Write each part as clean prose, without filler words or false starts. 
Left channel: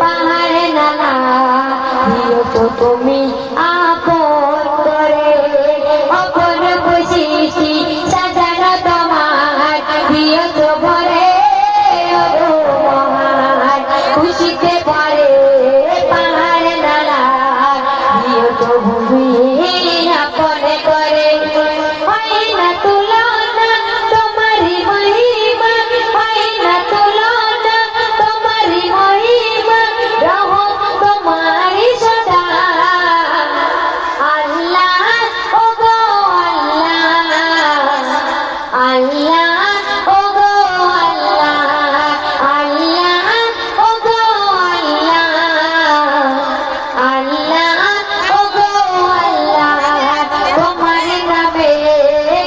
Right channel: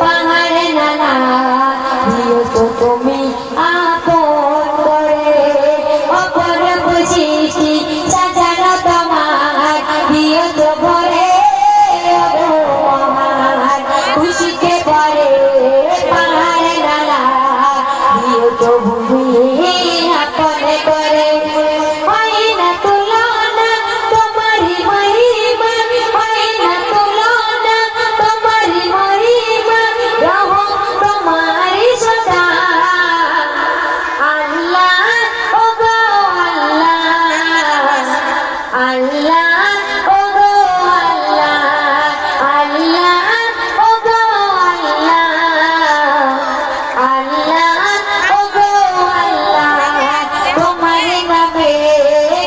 পাহাড়ে নানা দিও তো তুমি আপন করে অপরূপ সৃষ্টি সাজানো তোমার দিও তো ভরে খুশিতে ভরে পাহাড়ে নানা দিও তো ভূমি আপনে করে হয় না তুলনা তোমারি মহিমা হয় না তুলনা তোমারি মহিমা রহম তোমারি সদা আল্লাহ ও গো আল্লাহ আল্লাহ ও গো আল্লাহ আল্লাহ ও গো আল্লাহ আল্লাহ ও গো আল্লাহ তোমারি নামে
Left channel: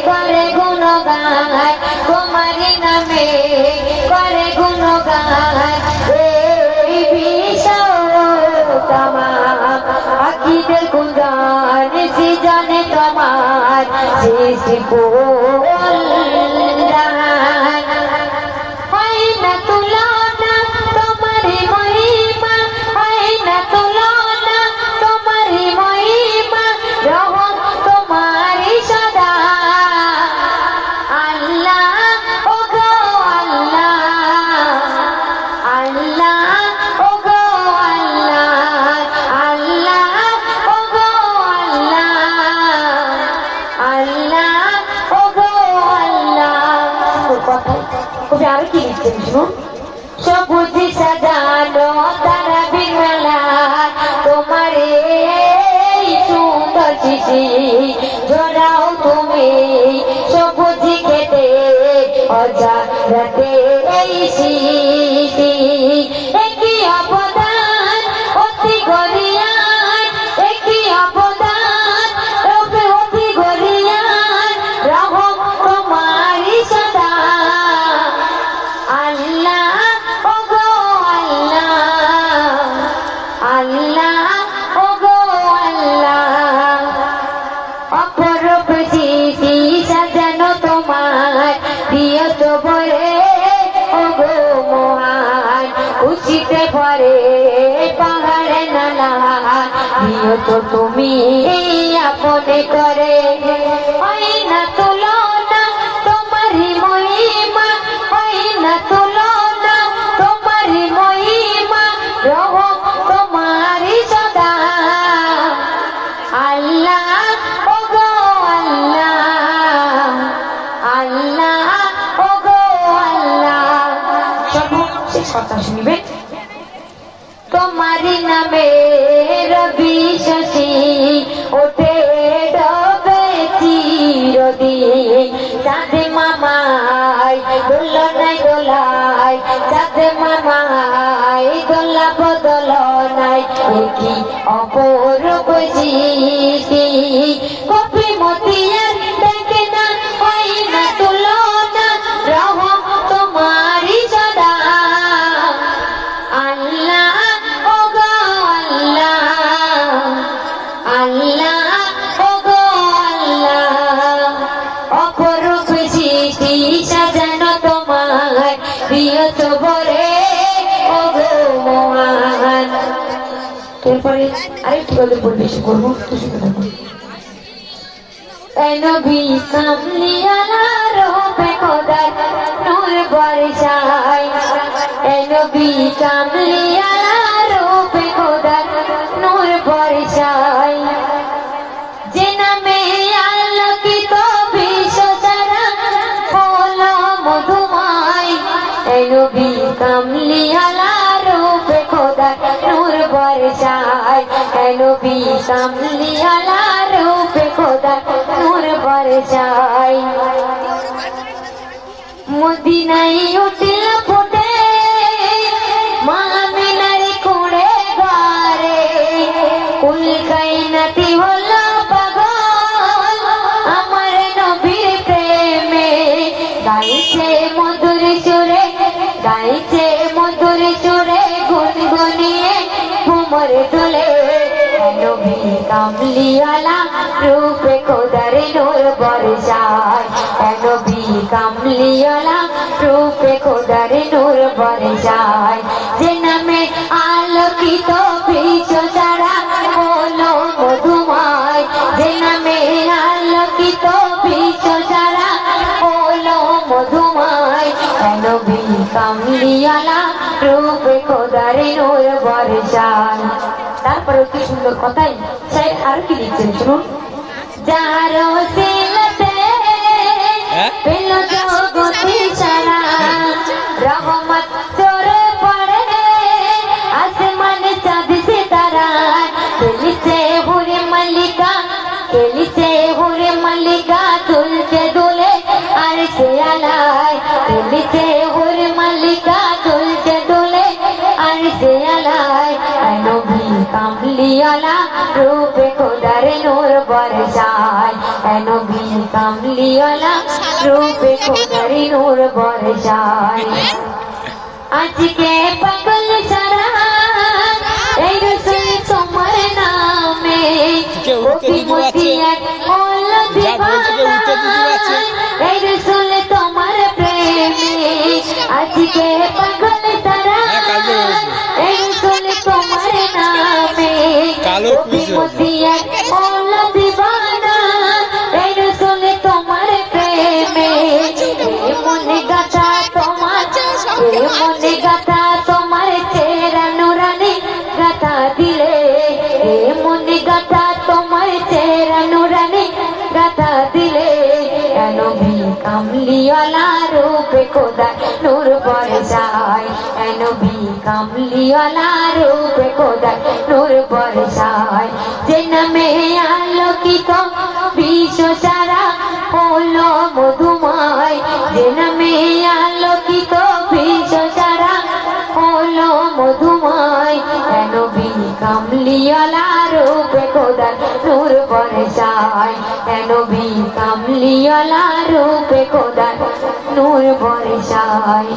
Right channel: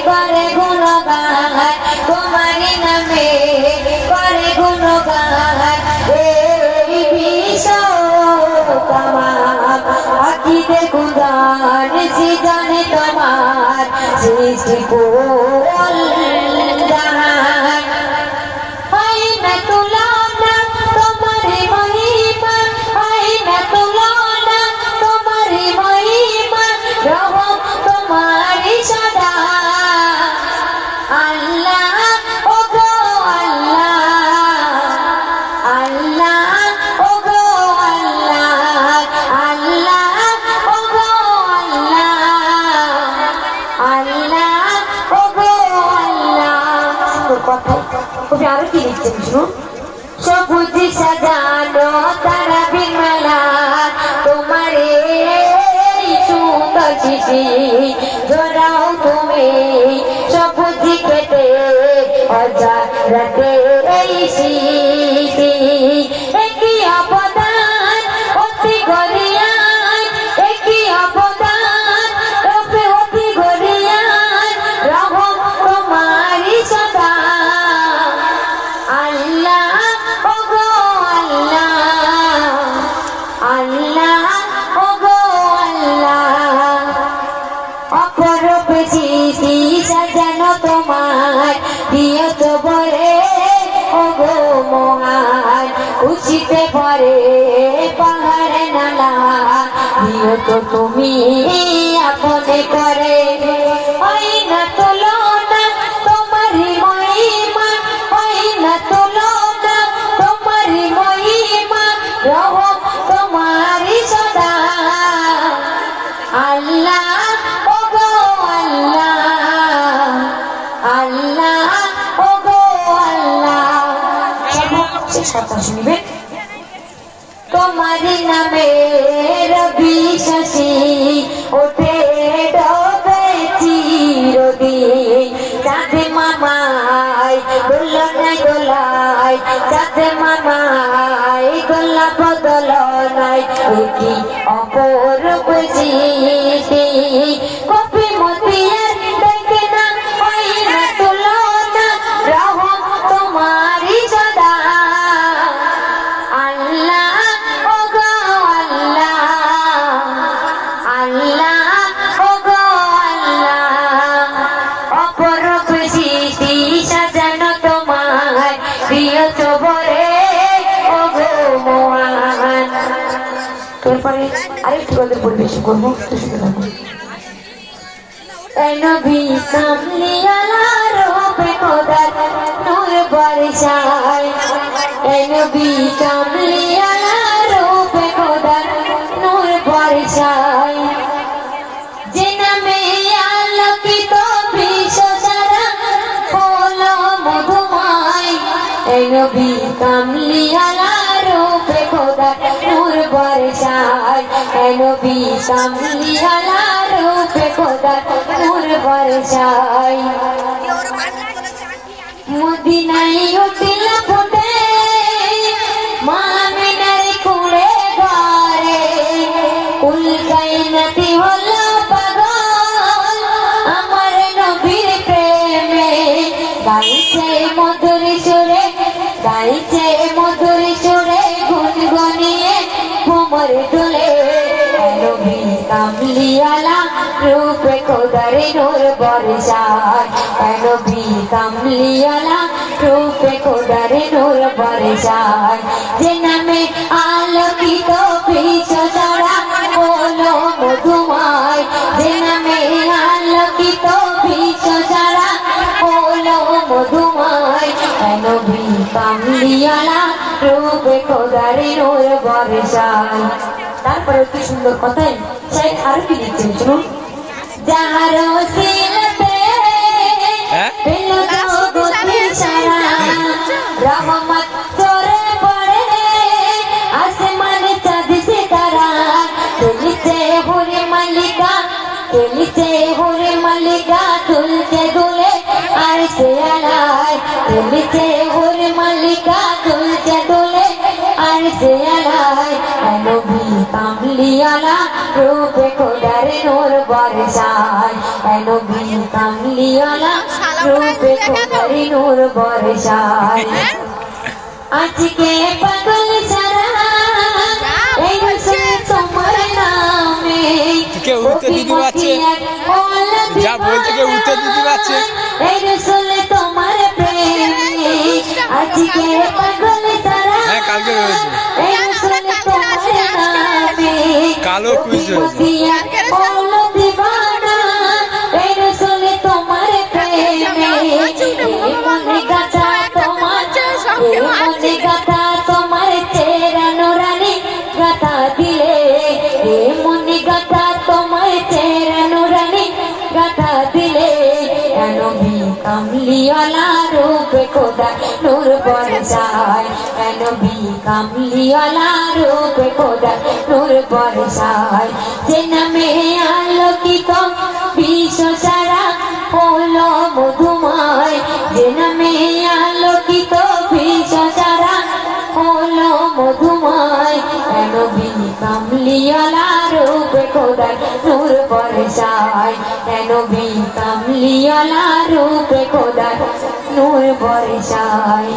করে গুণগান তোমারি নামে করে গুণগান এই বিশ্ব তোমার আকিদে গুণগান সৃজনে তোমার সৃষ্টি কল্যাণ হয় না তুলনা তোমারি মহিমা হয় না তুলনা তোমারি মহিমা রহম তোমারি সদা আল্লাহ ও গো আল্লাহ আল্লাহ ও গো আল্লাহ আল্লাহ ও গো আল্লাহ আল্লাহ ও গো আল্লাহ কবি আরো কি লিখছেন শুনুন সবুজ সাজানো তারা বিমেলা তোমার এই সুন্দর চিঠি জড়াও তুমি সবুজ কেটে রাতে এই স্মৃতি একই অবদান অতি গরিয়ান একই অবদান অতি গরিয়ান রহম তোমারি সদা আল্লাহ ও গো আল্লাহ আল্লাহ ও গো আল্লাহ অপরূপ সৃষ্টি সাজানো তোমার দিও তো ভরে ও গো মহান খুশিতে ভরে পাহাড়ে নানা দিও তো তুমি আপনে করে হয় না তুলনা তোমারি মহিমা হয় না তুলনা তোমারি মহিমা রহম তোমারি সদা আল্লাহ ও গো আল্লাহ আল্লাহ ও গো আল্লাহ শেষ কথা শুনবে তোমারি নামে রবি শশী ওঠে ডবে চিরদিন চাঁদে মামাই দোলনায় দোলায় চাঁদে মামাই দোলা বদল নাই কি অপরূপ সৃষ্টি কপি মতিয়ার দেখে না হয় না তুলনা রহম তোমারি সদা আল্লাহ ও গো আল্লাহ আল্লাহ ও গো আল্লাহ অপরূপ সৃষ্টি সাজানো তোমার প্রিয় তো ভরে ও গো মহান তারপরে আরেকটু গল্প পরিবেশন করবো নবী সামলিয়ালা রূপে খোদার নূর বর্ষায় নবী সামলিয়ালা রূপে খোদার নূর বর্ষায় যে নামে আলোকিত বিশ্ব সারা হলো মধুময় নবী কামলিয়ালা রূপে খোদার নূর বর্ষায় নবী কামলিয়ালা রূপে খোদার নূর বর্ষায় মদিনায় উঠিল ফুটে মা আমিনার কুড়ে ঘরে উল্কাই নাতি হলো পাগল আমার নবীর প্রেমে গাইছে মধুর সুরে গাইছে মধুর সুরে গুনগুনিয়ে ঘুমর তুলে নবী কামলিওয়ালা রূপে খোদার নূর বর্ষায় নবী কামলিওয়ালা রূপে খোদার নূর বর্ষায় যে নামে আলোকিত বিশ্ব সারা হলো মধুময় যে নামে আলোকিত বিশ্ব সারা হলো মধুময় নবী কামলিওয়ালা রূপে খোদার নূর বর্ষায়। তারপর কি সুন্দর কথাই চাই আর কি লিখছেন শুনুন। যার ওসিলাতে পেল জগতে সারা রহমত চরে পড়ে আসমানে চাঁদ সিতারা খেলিছে হুরে মালিকা খেলিছে হুরে মালিকা দুলছে দুলে আর সে আলায় খেলিছে হুরে মালিকা দুলছে দুলে আর সে আলায় নবী কামলিওয়ালা রূপে খোদার নূর বর্ষায় নবী কামলিওয়ালা রূপে খোদার নূর বর্ষায়। আজকে পাগল সারা এই রসুল তোমার নামে যা বলছে কেউ উত্তর দিতে পারছে এই রসুল তোমার প্রেমে আজকে পাগল সারা কালকে রয়েছে এই রসুল তোমার নামে কালোর কুইজ হয়েছে দিবানা এই রসুল তোমার প্রেমে মনে গাথা তোমার মনে গাথা তোমার চেরা নুরানি গাথা দিলে মনে গাথা তোমার চেরা নুরানি গাথা দিলে নবী কামলিওয়ালা রূপে খোদা নূর বর্ষায় নবী কামলিওয়ালা রূপে খোদা নূর বর্ষায় যে নামে আলোকিত বিশ্ব সারা হলো মধুময় যে নামে আলোকিত বিশ্ব সারা হলো মধুময় নবী কামলিওয়ালা রূপে খোদা নূর বর্ষায় নবী কামলিওয়ালা রূপে খোদা নূর বর্ষায়।